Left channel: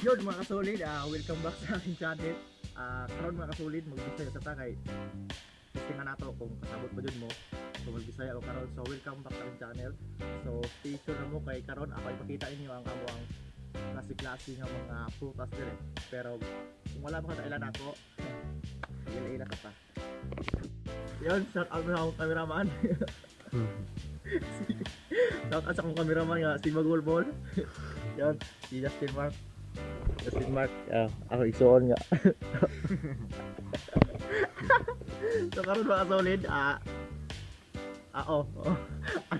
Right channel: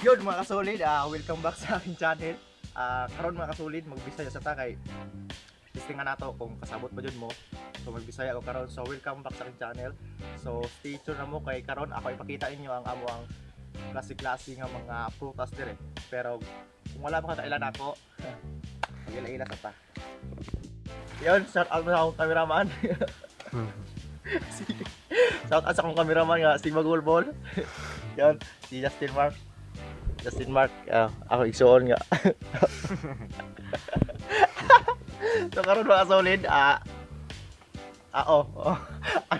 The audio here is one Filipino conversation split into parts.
Yun mga kasolid, welcome back sa aking channel. Karon mga kasolid, magbisaya sa takay. Testingan nato kung kasabot pa jud mo. So magbisaya ko karon. So welcome back sa aking channel. So stay tuned na mo kay karon ako ipakita inyo ang amuang klase-klase nga mga prutas dire. Pero kung wala pa kailan ako, ila-ila ka pa. Yun, shout out sa akong cameraman. Shout out sa akong cameraman nga si Magulbol. Yun, si Justin Mark, ako igsuon nga. So karon mga solid, ano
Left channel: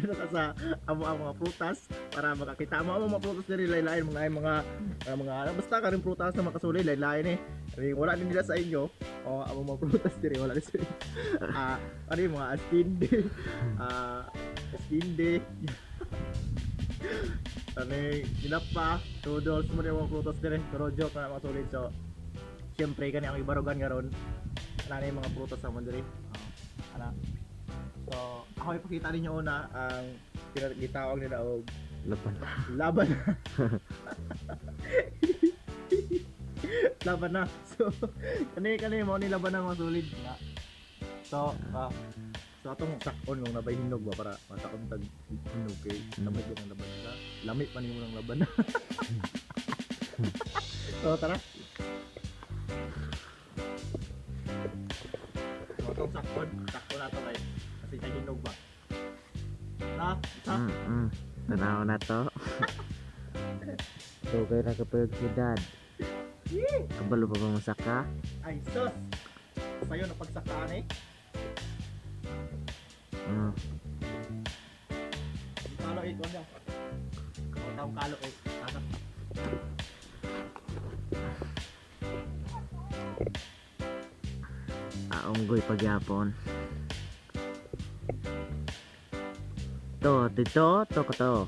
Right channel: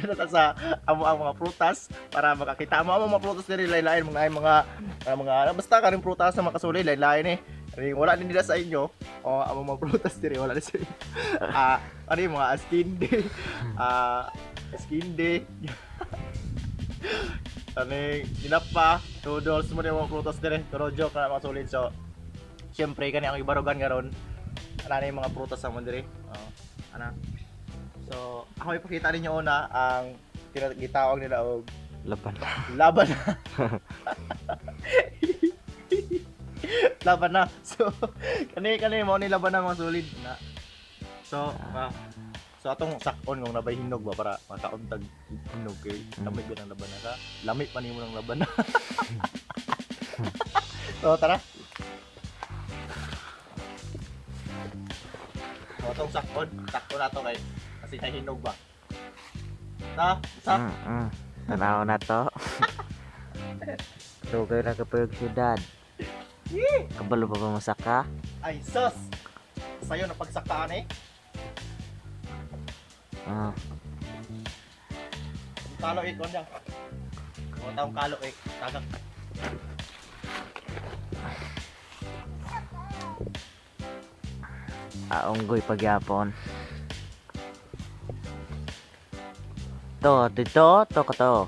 na sa amo ang mga prutas para makakita mo ang mga prutas diri lain-lain mga basta kaning prutas na makasulid lain-lain Kani wala din nila sa inyo. Ang mga prutas diri wala din sa inyo. Ano yung mga askinde. Ani ginapa, noodles mo yung mga prutas dire. Pero joke na mga solid. So syempre kani ang ibarugan karon. Ana yung mga prutas sa mo dire. Ana. So ako ipakita ninyo una ang gitawag nila og laban. Laban na. So kani mo ni laban na mga solid na. So atong sakon kung nabay hinog ba para makauntag hinog kay lamig ko ng laban na. Lamig pa nimo ng laban na. So tara. So atong sakon na to kay kasi kay hinog ba. Tanaw na to. Sugay na kapag siyudad. Kabalo pa ba masaka? Ay sus. Sayo na pagsakaan Kalo ikon niya. Kung taong kalo tagak. Aunggoy pagyapon. To ka to.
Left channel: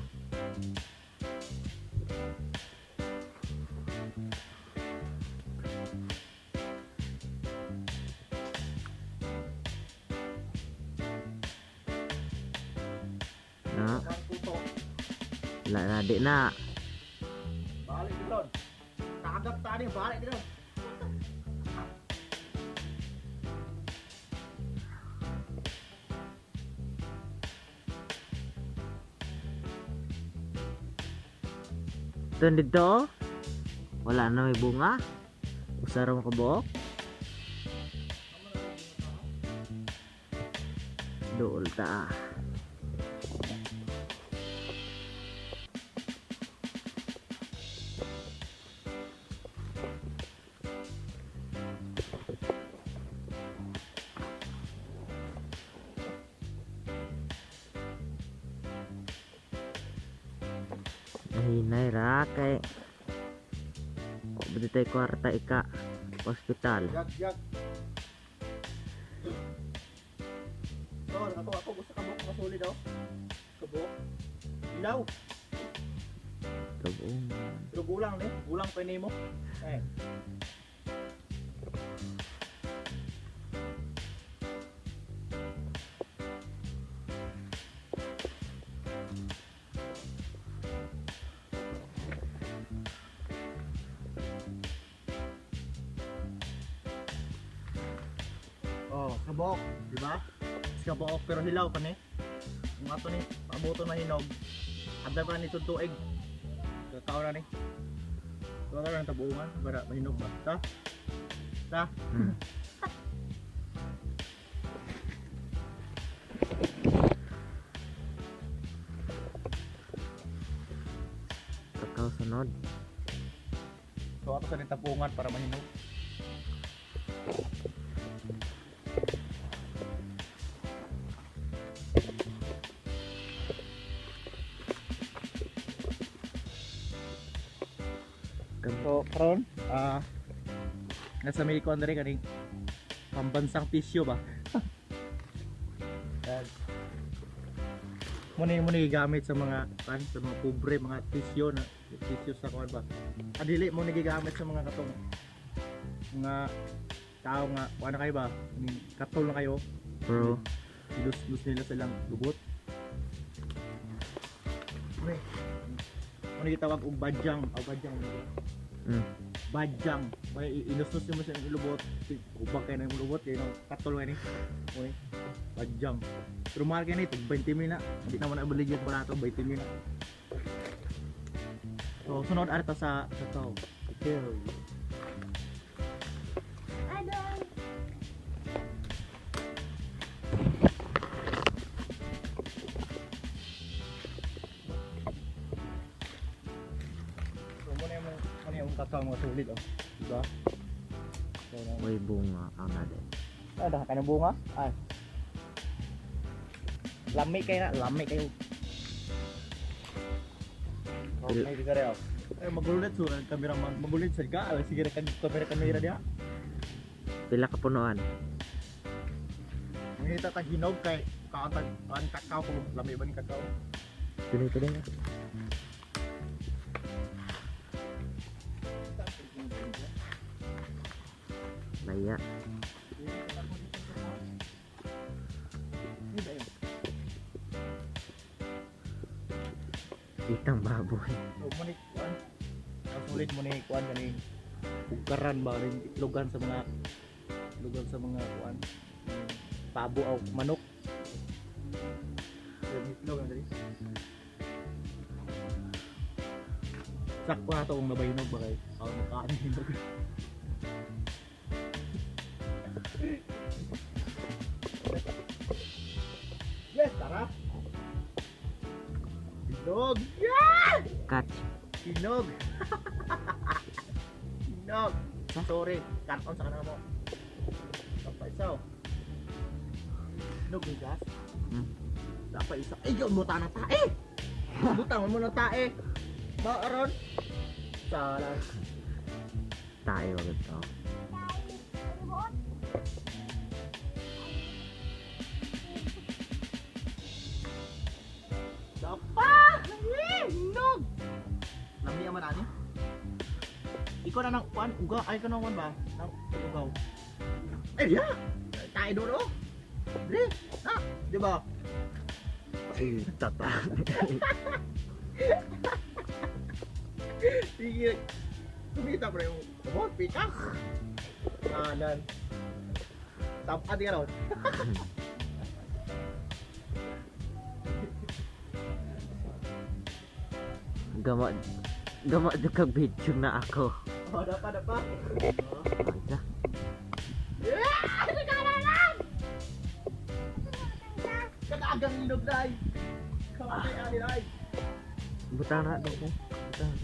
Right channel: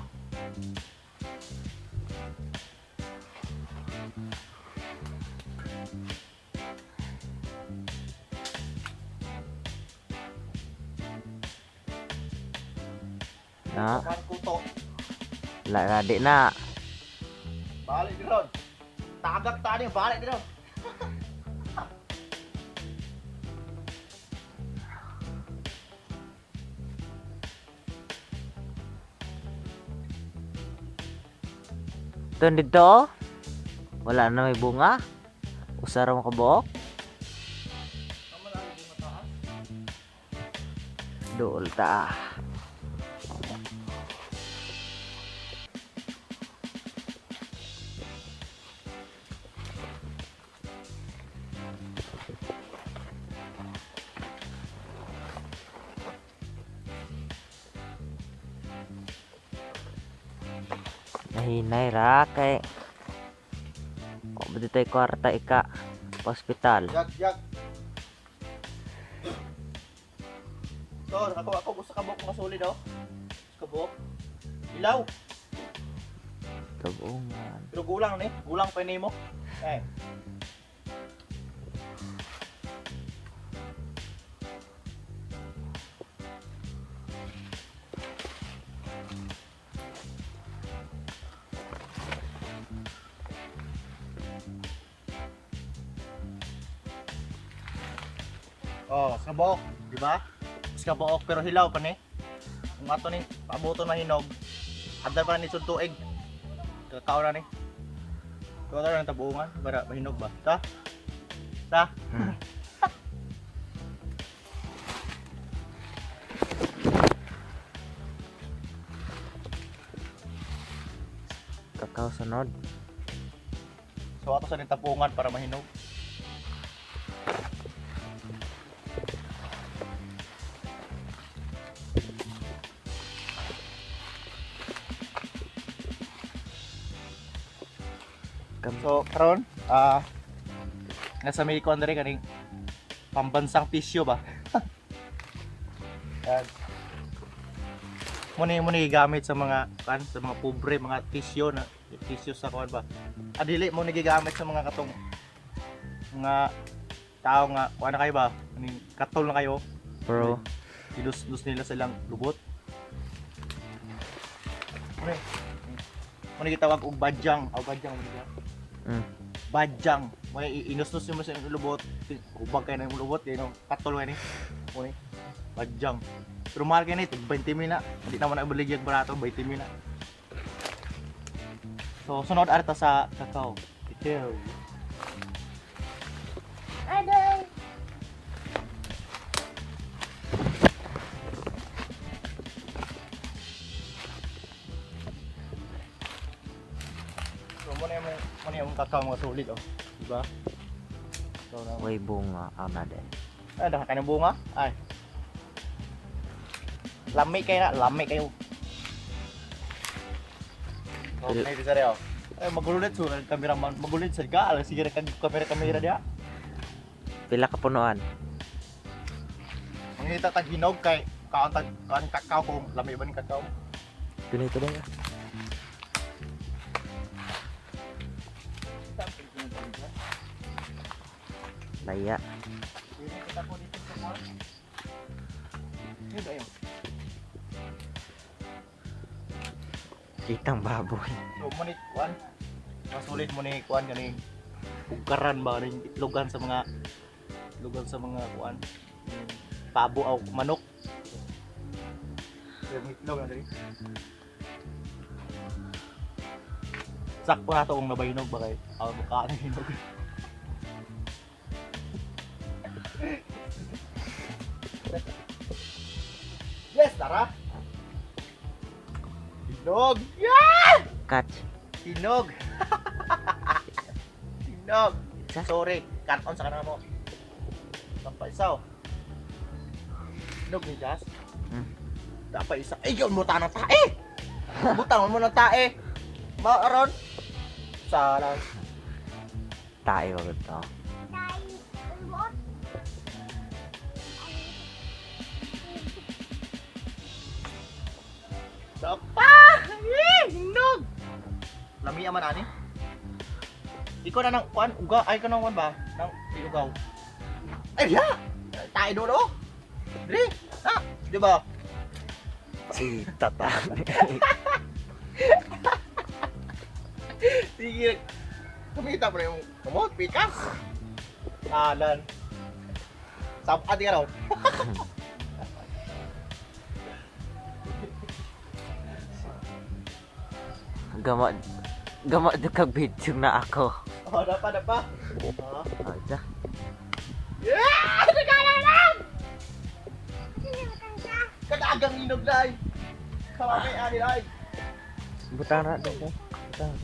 Na, Kuto. di na. Balik din ron. Tagak tani balik din ron. Ito dito. Wala na may bunga. Usara mo kabuok. Dool ta. Nahinay ra kay kung ba tayo kwarta ika hospital. Jag. So, ako gusto kabok masulid Kabok. Ilaw. Kabungan. Pero gulang ni. Gulang pa nimo. Kabok, di ba? Kabok pero hilaw pa ni. Kung ato ni pabuto na hinog. Adal pa ni sud tuig. Kakao na ni. So tara nang tabuungan para mahinog ba? Ta. Kakao sunod. So ato sa ni tabuungan para mahinog. So karon nasa may kon diri kaning pambansang pisyo ba. Yan. Muni gamit sa mga sa mga pobre mga tisyo sa kuan ba. Adili mo gigamit sa mga katong mga tao nga kuan na kayo ba? Katol na kayo. Bro, Ilus nila silang lubot. Muni gitawag og badyang, mo nila. Mm. Bajang. May inustos mo sa lubot. Ubag kayo na yung lubot. Yan yung katol kayo ni. Muni. Bajang. Pero mahal kayo na ito. 20 mil na. Hindi naman na ibaligyan barato. 20 mil na. So, sunod arta sa kakao. Ikaw. Aday. So, muna yung kakao mga sulit, oh. Diba? So, Way bunga ana din. ada kayong bunga? Ay. Lami kayo na. Lami kayo. Pil- Ay, bisa rin, oh. Ay, magulit so kameraman, magulit sa ka, alas sige kan kamera dia. Pila ka punuan? Mangita tag hinog kay kaon kakao ko, lami ba ni kakao? Dito din. Laya. Itang baboy. So manit kuan. Masulit mo ni kuan kani bukaran ba rin itlogan sa mga kuan. Pabo o manok. Yung itlog na diri. Sakto na to kung nabayinog ba kay aw makaano hinog. Yes, tara. Hinog. Catch. Hinog. Hinog. Sa? Sorry, kanon sa kanamo. Sampai isaw. Hinog ni Jas. Hmm. Dapat isa. Ay, yun mo ta ng tae. Butang mo ng tae. Maaron. Salah. Tayo wag to. Dapat. Hinog. Lami aman ani. Di ko na nang kuan uga ay ka nang kuan ba? Nang ugaw. Ay ya. Tae do do. Dili. Na, di ba? Si tata. Sige. Kumita mo na yung kumot, pikas. Talan. Sapat ka raw. Gamot. Gamot na kag video na ako. Oh, dapat. Oh. Aja. Yeah! Nagkalalan! Kadagang inog na ay. Kawakay ani ay. Butang ra dito. Butang.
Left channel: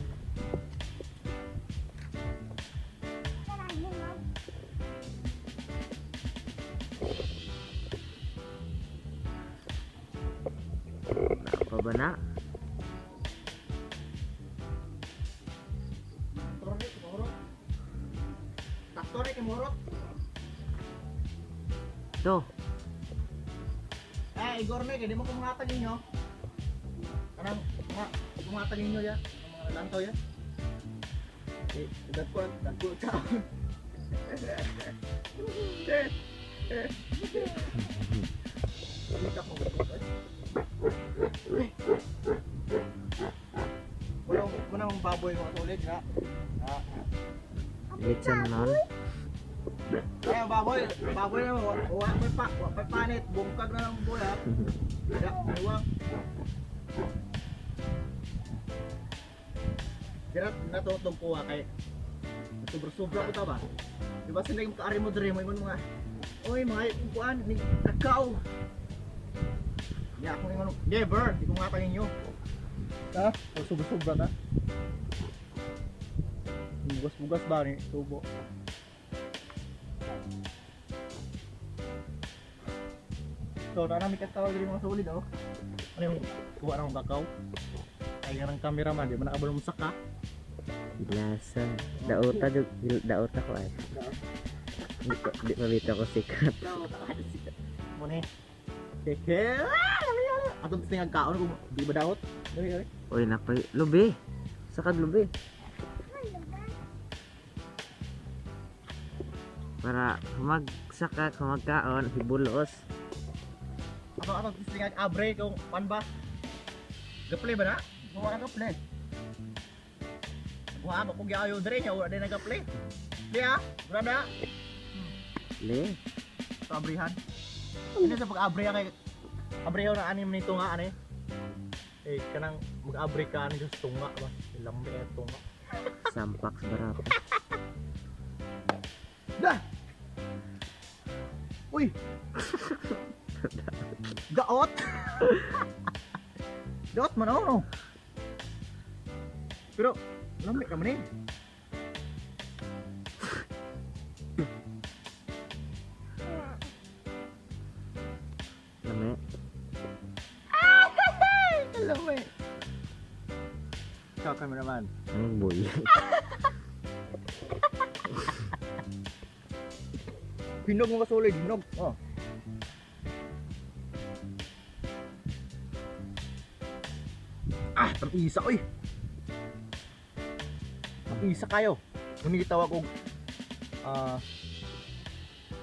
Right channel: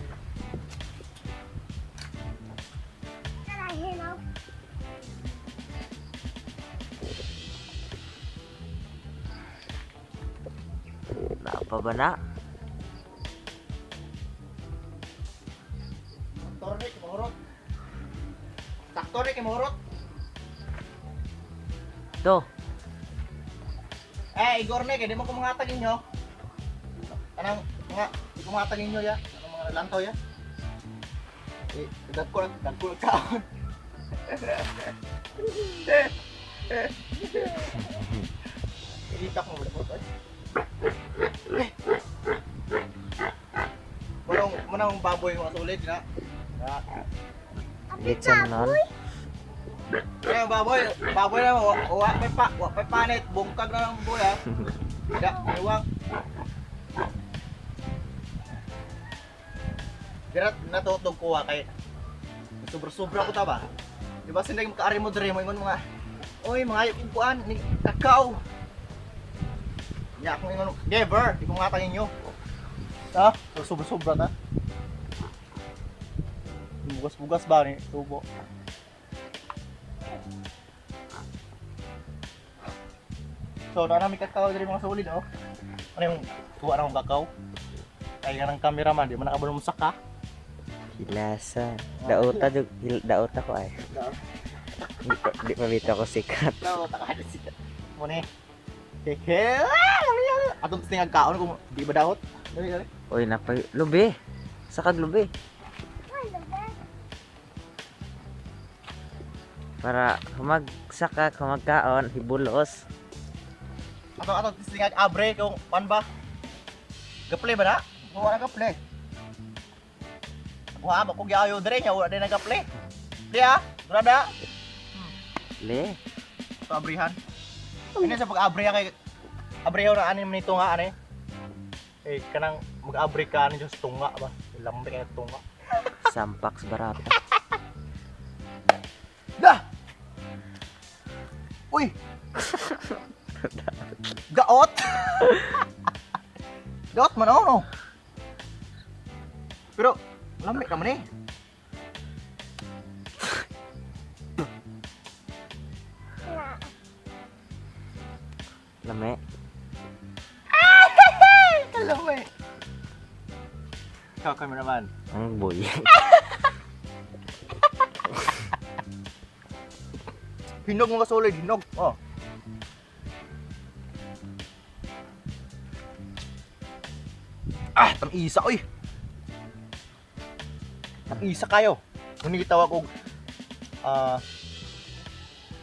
Na pa ba na? Tornik mahurot. Taktorik mahurot. To. Igor nek, di mo ko mga tagin nyo. Anong mga mga tagin nyo ya? Anong mga lantaw ya? Dagkul kaon. Itak mo ba ay? Manang baboy mga sulit na. Litson non. Kaya baboy na wa may panit, bungkag na ng buhay ha. Da, iwang. Dirat natutog ko kay sobra-sobra ko ta ba? Di ba sila makaari mo dire mo ingon mga oy mga kuan ni kakao. Ya ako ingon never, di ko matangin nyo. Ha? Sobra-sobra ta. Bugas-bugas ba ni tubo? So, namin kakao dari mga solid, oh. Ano yung tuwa na akong kakao? Ay, nga ng cameraman, di mo nakabulong saka. Hilasa. Dauta jud dauta ko ay. Di pa bitaw ko sikat. No, takahit siya. Muna Keke! Atong tingag kaon kung di ba daot? Dali. Oy napay lubi. Sakag lubi. Para humagsaka humagkaon hibulos. Atong tingag abre kung pan ba? Gaple ba na? Kung wala gaple. ha, bako giayo dire nya wala din nagaple. Di ha, brada. Le. Sa abrihan. Ini sa pag-abri kay abrihan na ani nito nga ani. Eh kanang mag-abri ka ani sa tunga ba. Lambe kay tunga. Sampaks barata. Dah. Uy. Gaot. Gaot man no. Pero lambe ka man eh. Lame. Lambe. Ikaw cameraman. Ang boy. Hinog mga solid, hinog. Oh. Ah, tam-isa oy. Tam-isa kayo. Kung gitawag og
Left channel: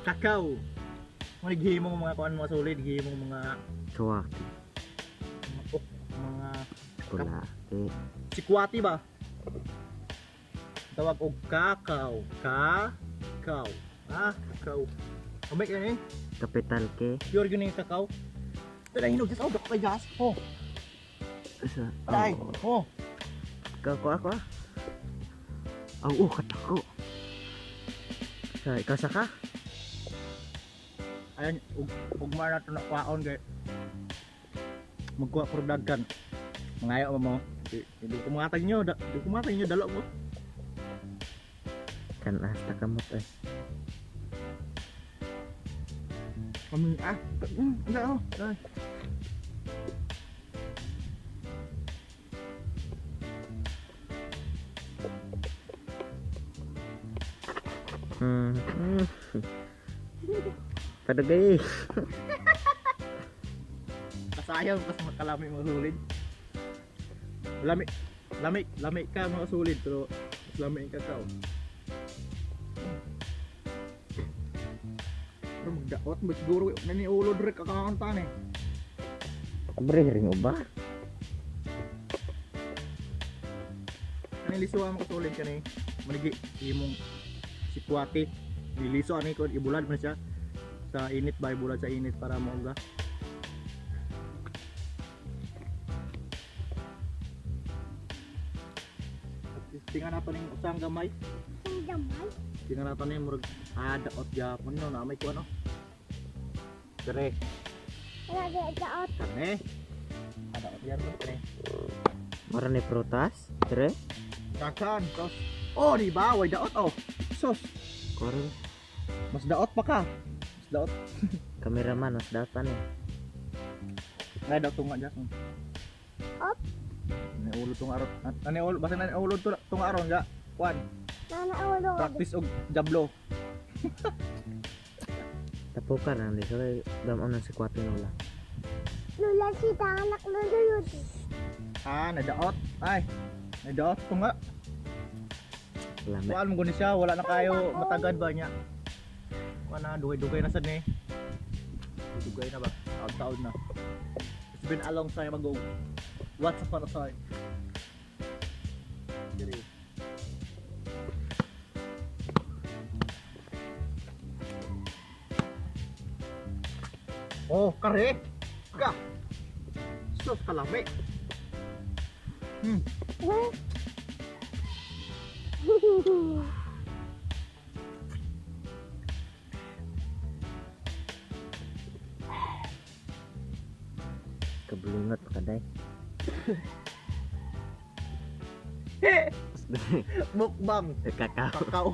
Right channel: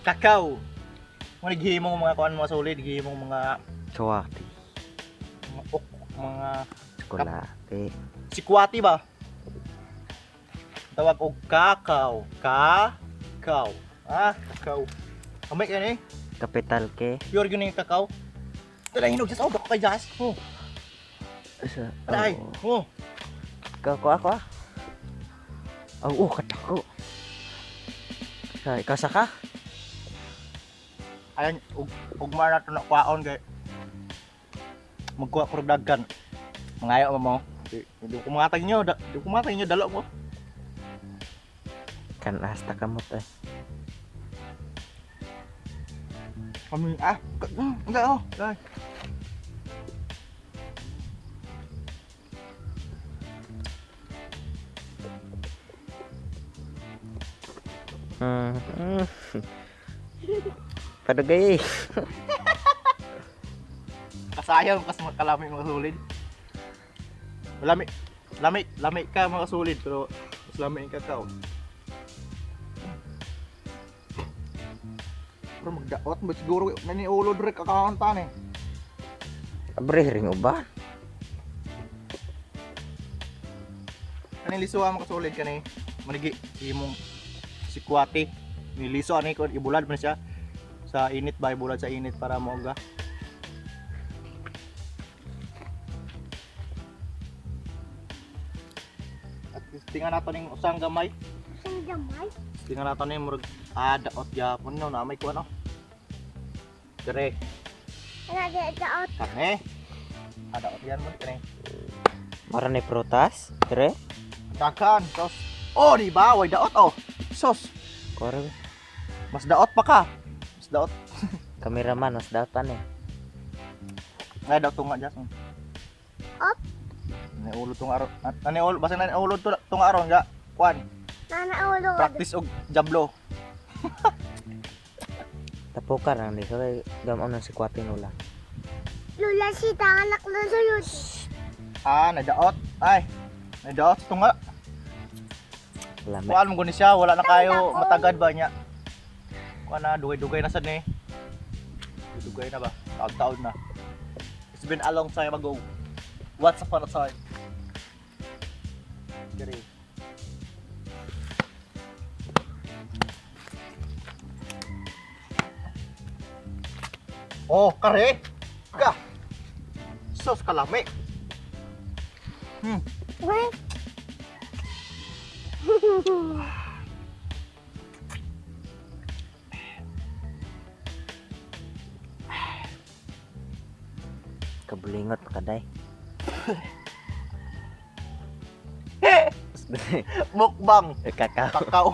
kakao. Kung naghihimo mga kuan mga solid, gihimo mga Kawati. mga Chocolate. sikwati ba? Tawag og kakao. Kakao. Ah, kakao. Amay ka ni? Kapital ke. Pure yun yung kakao. Tala hinog just ako kay Jas. Oh, Sa. ay. Oh. Oh. Ako. Oh, katako. Sa ikasa ka? Ayan, ugma na ito na kwaon kay magkuha ko daggan. Mangayo mo. Hindi ko matay nyo, dalo ko. Kan hasta kamot eh. Kami, enggak oh, guys. Padagay. Kasayang pas makalami mga sulid. Lami ka mga sulid pero mas lami yung kakao. Pero magdaot ba siguro naniulod rin kakakantan eh. Abre ring uba. Kaniliso ang makasulid ka ni manigi imong sikwati. Niliso ani ko ibulad man siya sa init ba ibulad sa init para mauga. At tingnan nato ning usang gamay. Tingnan nato ning murag daot gyapon no na may kuan no. Dire. Kane. Daot yan mo kane. Mara ni prutas. Dire. Dakan sos. Oh, di ba? Way daot oh. Sos. Kore. Mas daot pa ka. Mas daot. Kameraman mas datan eh. Ay daw tunga dyan. Up. Naiulod tong aron. Naniulod basta naniulod tong aron ga. Kuan. Practice og jablo. Tapukan ang di so kay gamon ng sikwati nula. Lula si anak na sulod. Nadaot. Ay. Nadaot tunga. Lame. Kuan mo guni siya, wala na kayo matagad ba niya. Kuan na dugay-dugay na sad ni. Dugay na ba? Taon-taon na. It's been a long time ago. Once upon a time. Diri. Oh, kare. Ka. Sos kalami. Kabulingot kaday. Mukbang. Kakao. Kakao.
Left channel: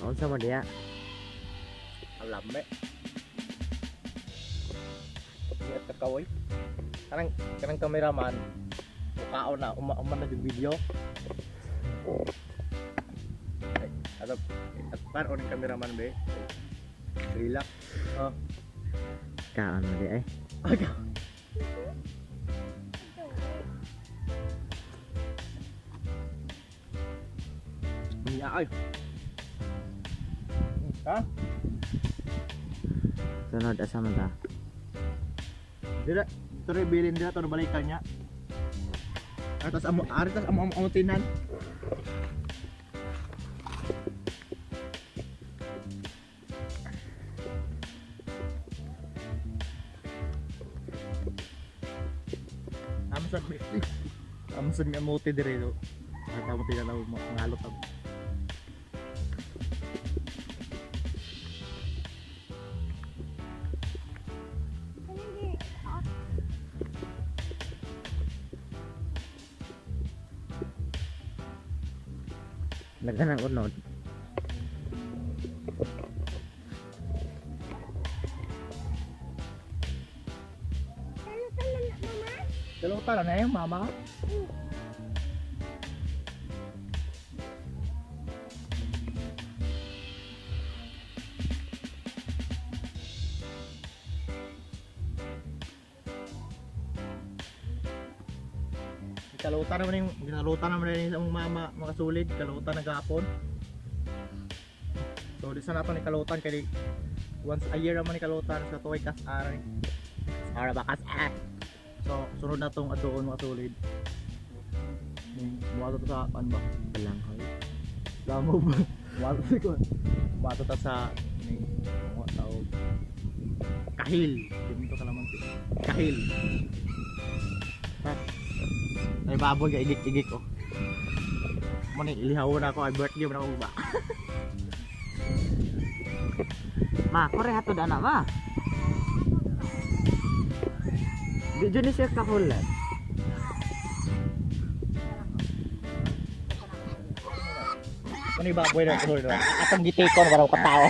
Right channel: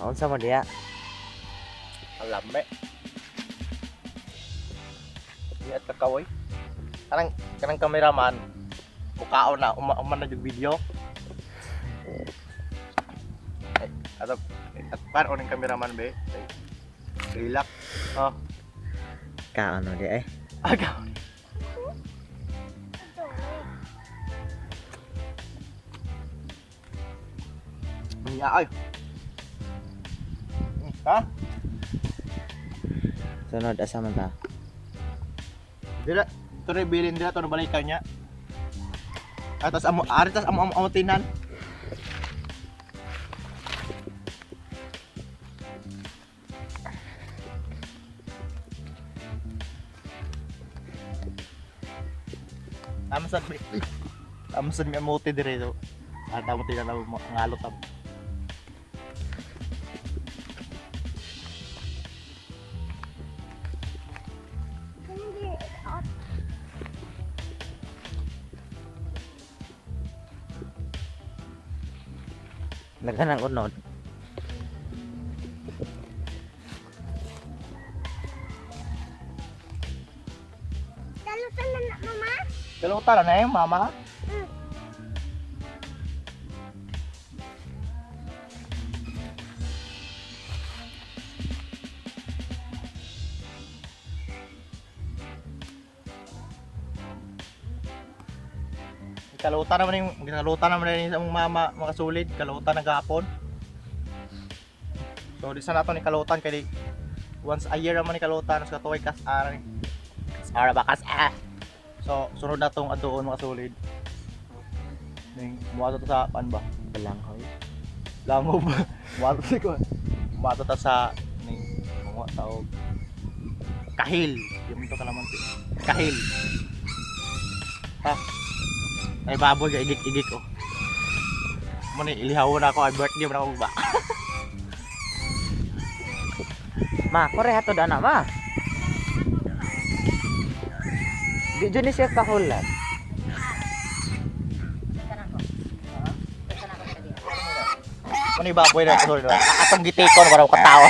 Unsa mo dia? Lame. Iya kakao eh. Kanang kameraman. Ukao na uman na yung video. At paano ng cameraman be? Relax. Oh. Kaano di eh. Agaw. Ay. Ha? Sunod asa man ta. Dira, ito rin bilin dira, ito balikan niya. Atas amo, aritas amo tinan. Amsad mi amote dire do. Ata mo tinan mo ngalo tab. Naghanang unod. Dalutan na na, mama. Dalutan na yung mama. Kalutan naman yung mama makasulid, kalutan nagahapon. So di sana nato ni kalutan kay once a year naman ni kalutan sa tuway kas-ar. Kas-ar ba kas-ar. So sunod na tong adoon makasulid. Ning muato to sa pan ba? Balanghoy. Langob. Muato si ko. Muato ta sa ning mga tawag kahil. Yung to kalamansi. Kahil. Ha. Ay baboy ga igik-igik oh. Mo ni ilihaw na ako ay birthday mo na ako ba. Ma, kore hatod ana ma. Di jud ni siya kahulan. Mo ni baboy na sulod. Atong gitikon para ko katawa.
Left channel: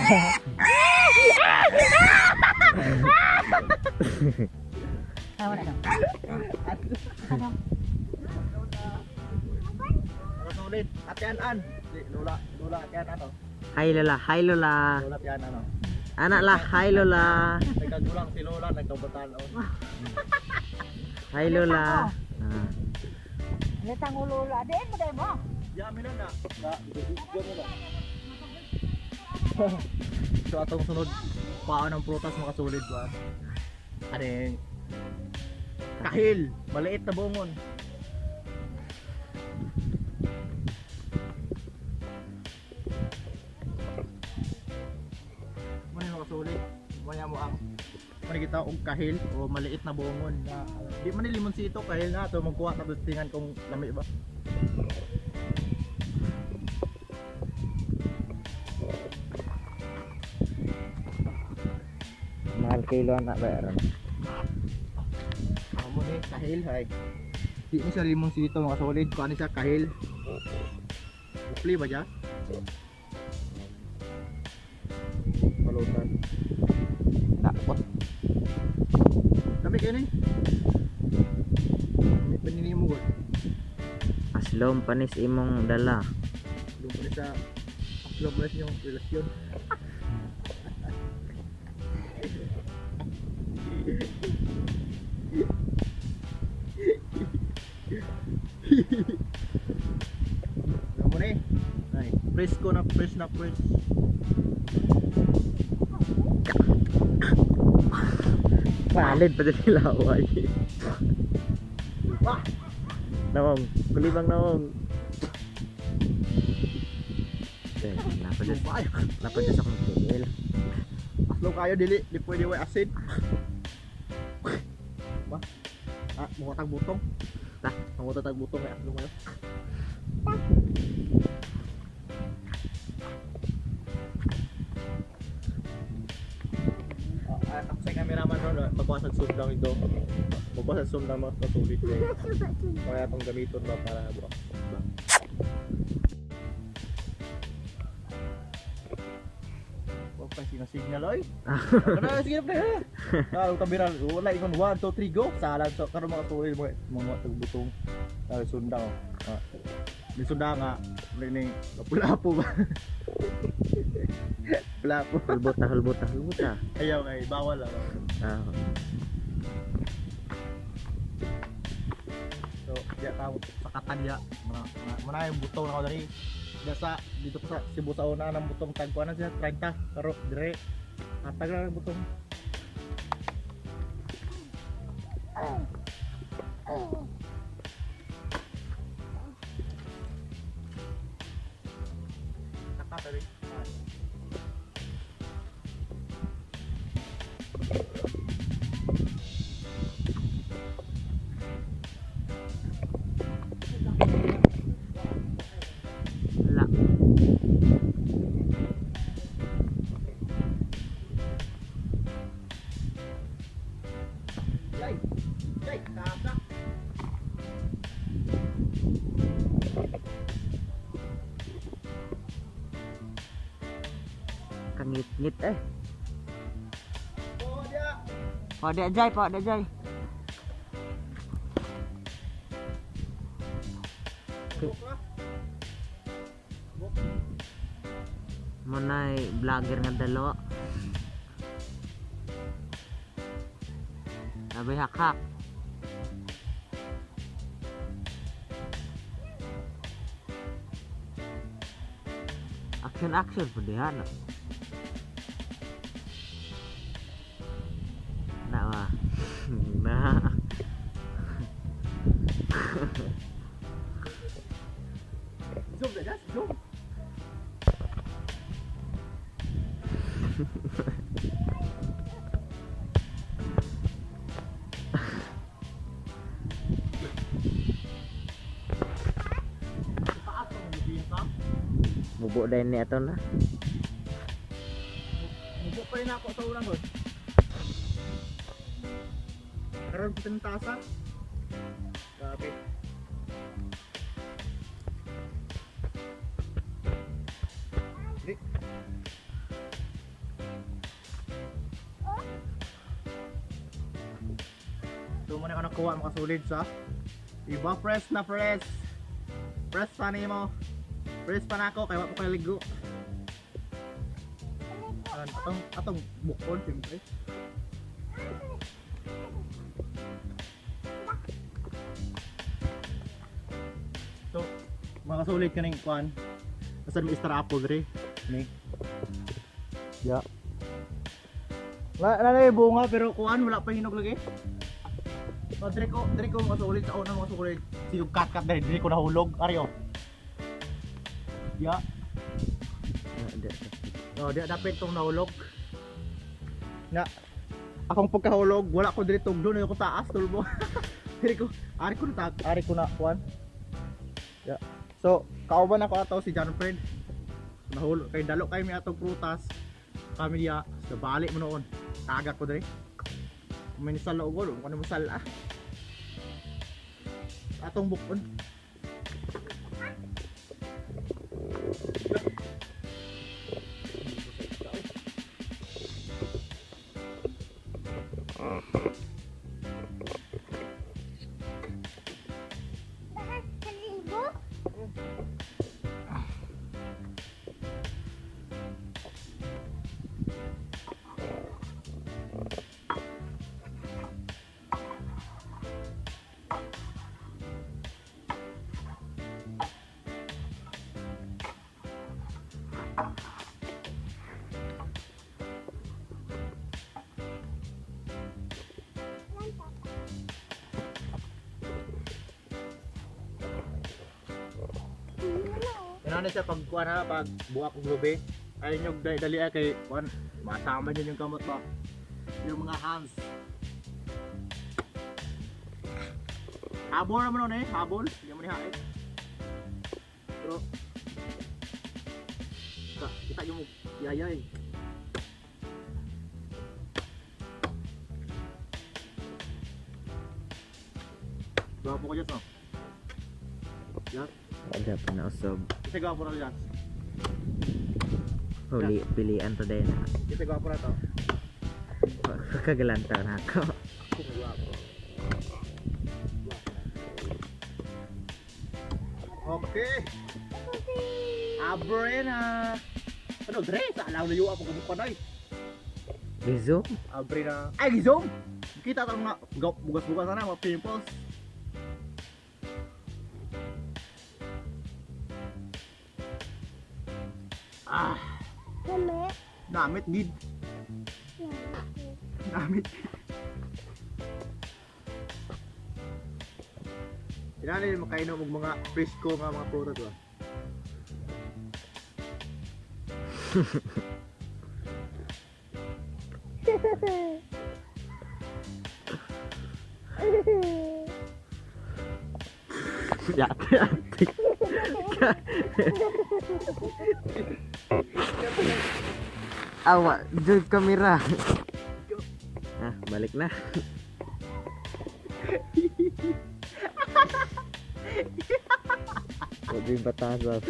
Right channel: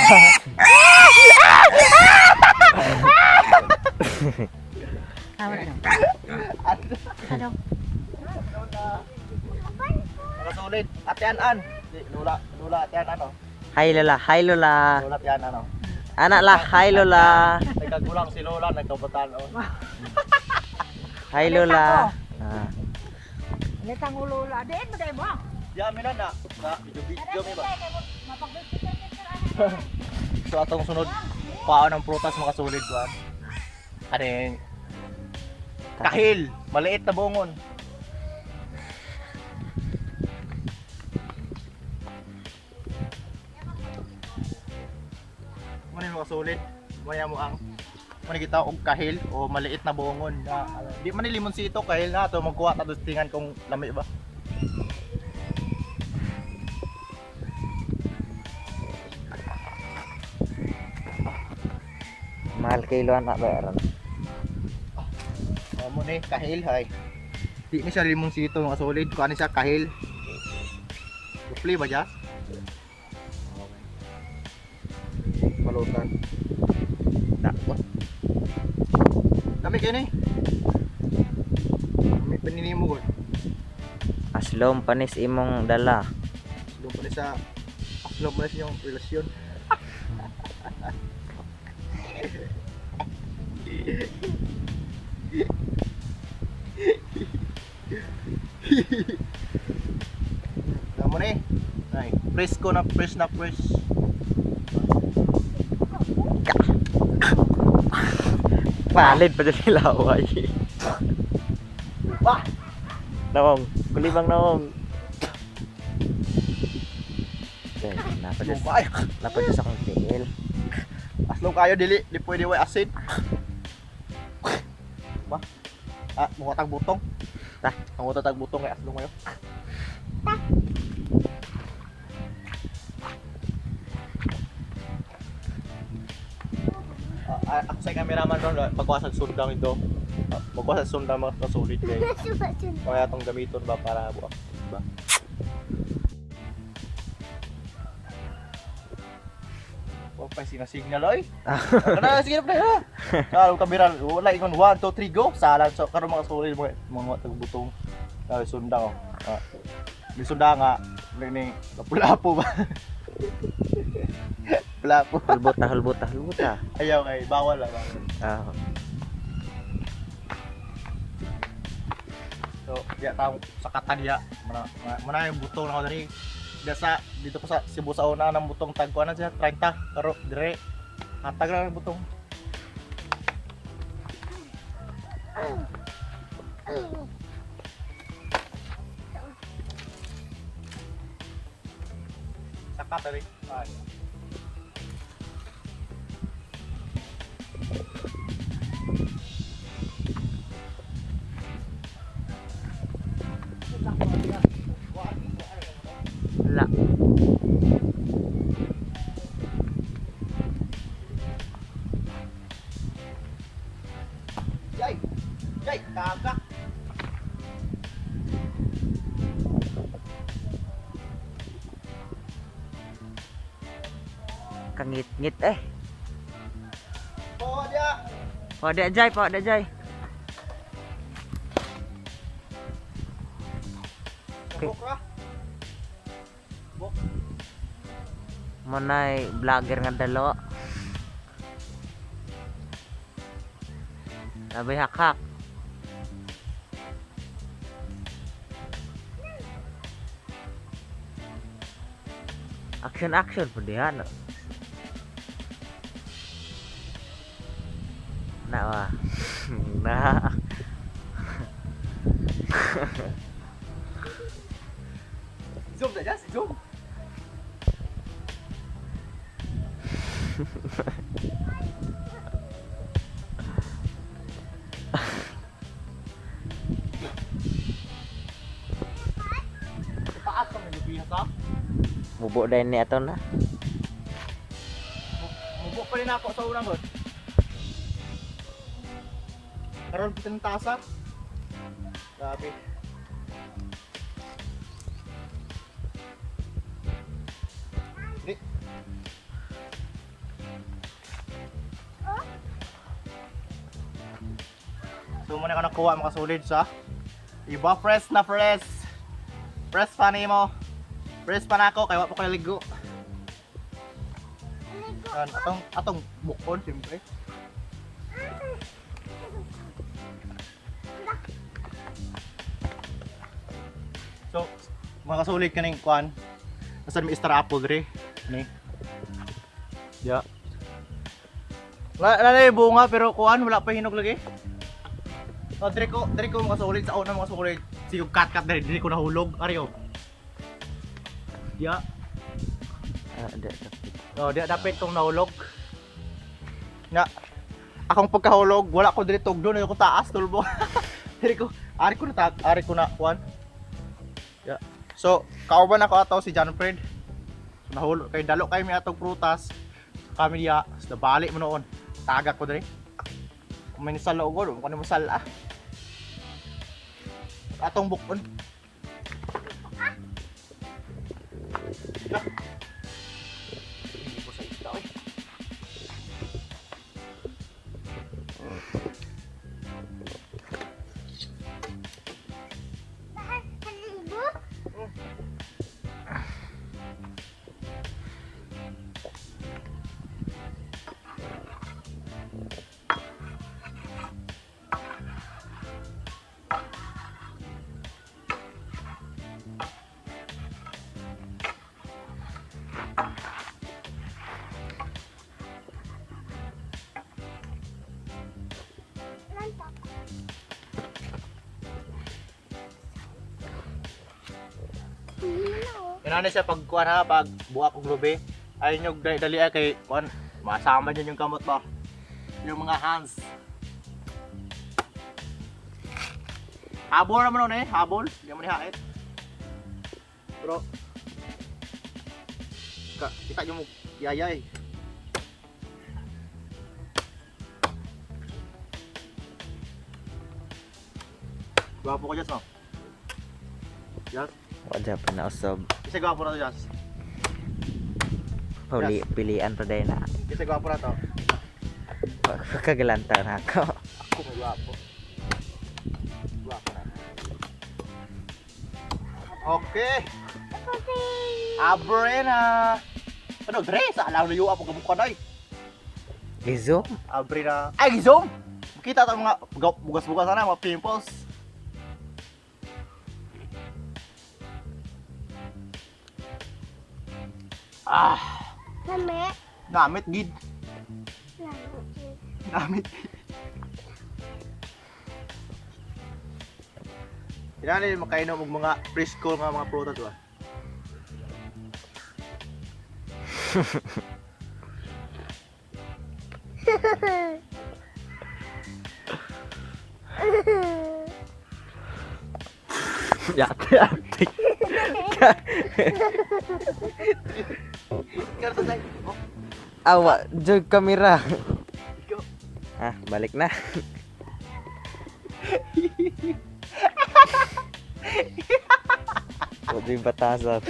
Nakasulid, atian-an. Lula atian ano. Hi Lola, hi Lola. Lula atian ano. Anak lah, hi Lola. Nagkagulang si Lola, nagkabutan oh. Hi Lola. Ah. Letang ulo-ulo. Adin mo dahil mo. Yamin na. Video mo ba? So atong sunod paon ng prutas makasulid kuan. Ano yung kahil, maliit na bungon. Muna yung makasulid. Muna mo ang kita og kahil o maliit na bungon na di man ni limonsito kahil na to magkuha ta dustingan kung lami ba. Mahal kilo anak ba? Mo ni kahil hay. Di ni siya limonsito mga solid, kuha ni siya kahil. Upli ba ja? Balutan. Dapat. Dami kayo ni. May panini mo gol. Aslom panis imong dala. Doon pa rin sa upload mo na yung relasyon. Kamu nih, ay, press ko na press na press. Palid pa dili laway. Wah, Nawong, kulibang nawong. Okay, lumay. napadya sa kong tingil. Aslong kayo dili, di pwede way asin. Wah, mukha tag butong. Mukha tag butong kay aslong kayo. Ako sa cameraman ron, pagkuha sa sundang ito. Pagkuha sa sundang mga kasulit kayo. Kaya itong gamiton ba para buwak ba? Huwag pa sinasignal oy. Ano na sige na ha. Kalau kabiran wala ingon 1 2 3 go. Salan so karon mga kasulit mo mga tagbutong. Dali sundang oh. Di sundang nga ni lapu-lapu ba. Lapu. Hulbot na. Ayaw ay bawal lang. Ah, So, ya tao sa Katanya, mana yung butong na ko dali. Dito pa sa Cebu sa una ng butong tagkuan na siya 30 karo dire. Hatag lang yung butong. Saka tadi. Ay. Wala. Jay. Jay, kagak. Kangit-ngit eh. Oh, dia. Pak Dek Jai, Pak Dek Jai. Buk lah. Buk. Manay vlogger nga dalo. Labay hakak. Action po diyan. Na wa. Na. Zoom saja, zoom. Taas kang nagbihas ha? Bubuk dahil ni ato na. Mubok pa rin ako sa unang god. Karoon kita ng taas ha? Grabe. Di. So muna ka nakuha makasulid sa iba press na press. Press pa mo. Press pa na ako kaya wala pa ko ligo. Atong bukon siyempre. So mga kasulit kaning kuan. Nasaan may star apple dre ni. Ya. Na bunga pero kuan wala pa hinog lagi. Oh, dre ko mga kasulit sa una mga kasulit. Sige cut dre ko nahulog. Ari oh. Ya. Oh, di dapat kong nahulog. Na akong pagkahulog, wala ko diri tugdo na ko taas tulbo. Ari ko na kuan. Yeah. So, kauban ako ato si John Fred. So, nahulog kay dalo kay mi atong prutas. Kami diya, sa balik mo noon. Tagak ko diri. Kung may nisala ugod, kung ano mo sala. Atong bukon. Ano siya pag kuan ha, pag buha kong lubi, ay nyo dali kay kuan, masama dyan yung kamot ba? Yung mga hands. Habol naman nun habol, hindi mo nihait. Pero, kita nyo mo yayay. Gwapo ko dyan, no? Yes. Wala pa na usob. Kasi gwapo na to, Jas. Pilian pa dahil na. Kasi gwapo na to. Kagalantan ako. Ako may gwapo. Gwapo na. Okay. Abre na. Ano, Dre? Sa alam na yung ako gamukha na eh. Gizo? Abre na. Ay, gizom! Kita ito mga bugas-bugas na mga pimples. Namit gid. Namit. Yan makainom og mga preschool nga mga prutas ba. Yate ate. Awa, joy kamera. Ah, balik na. Udah batasan.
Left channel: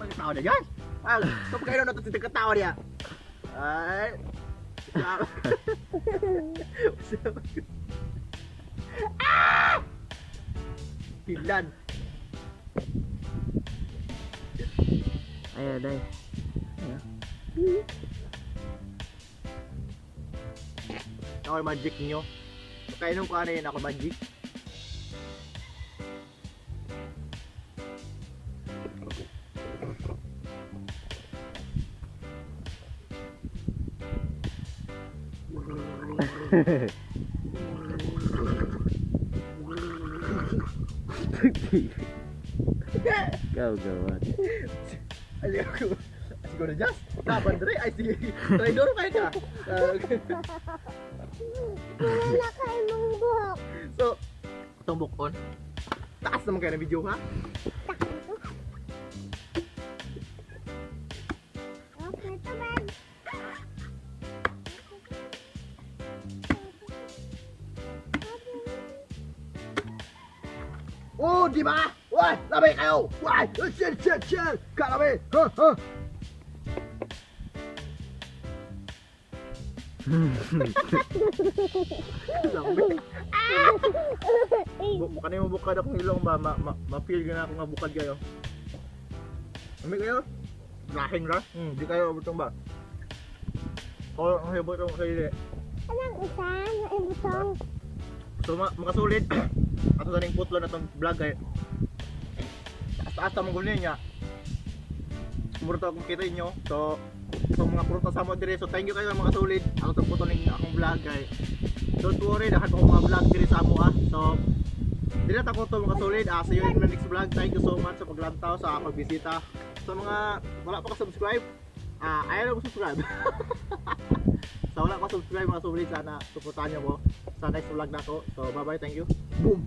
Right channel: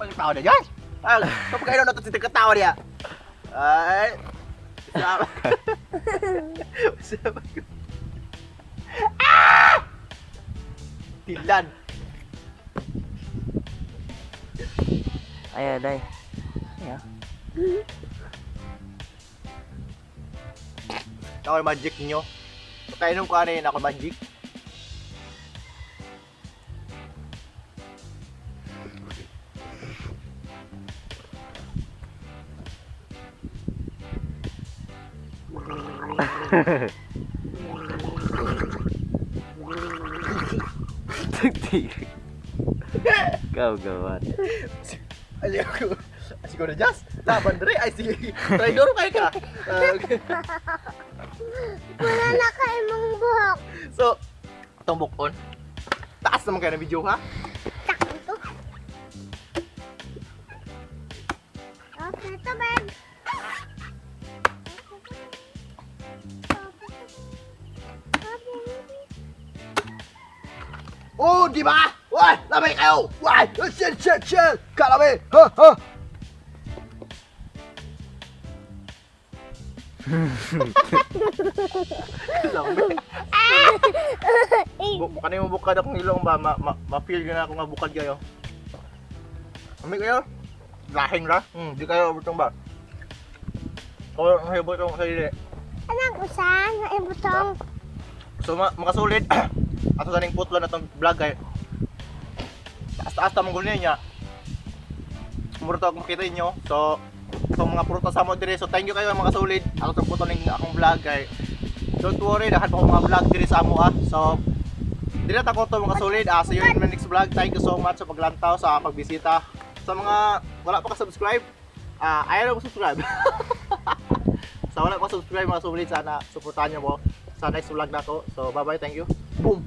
Pagkatawa na yan! Kapag kayo na ito katawa niya! Ay! Sama! Sama ko! Ah! Tilan! Ayo, dai. Ako yung magic nyo. Kainom ko ano yun ako magic. Kau gawat. Asik ko na Jas. Laban dre ay sige. Traidor kayo ka. Wala na kayo mong buhok. So, itong bukon. Taas naman kayo ng video ha. Okay, ito, babe. Oh, di ba? Why? Lamay kayo! Why? Chill! Kalami! Ha? Lamay. Kanina mo bukad akong ilong ba? Ma-feel ko na ako nga bukad kayo. Lamay kayo? Lahing ra? Di kayo butong ba? Kung may butong sa ili. Anong usan? Ay, butong. So makasulit. Ato sa ning putlo na tong vlog kay taas ta mong niya. Muro to makita inyo. So mga prutas sa mo dire. So thank you kayo mga solid. Ato sa putlo ning akong vlog kay don't worry dahan pa ko mga vlog dire sa amo So dire ta ko to mga solid. See you in my next vlog. Thank you so much sa paglantaw sa pagbisita. Sa mga wala pa ka-subscribe, ayaw na subscribe. Sa wala pa subscribe mga solid, sana suportahan niyo mo sa next vlog na ko. So bye bye, thank you. Boom.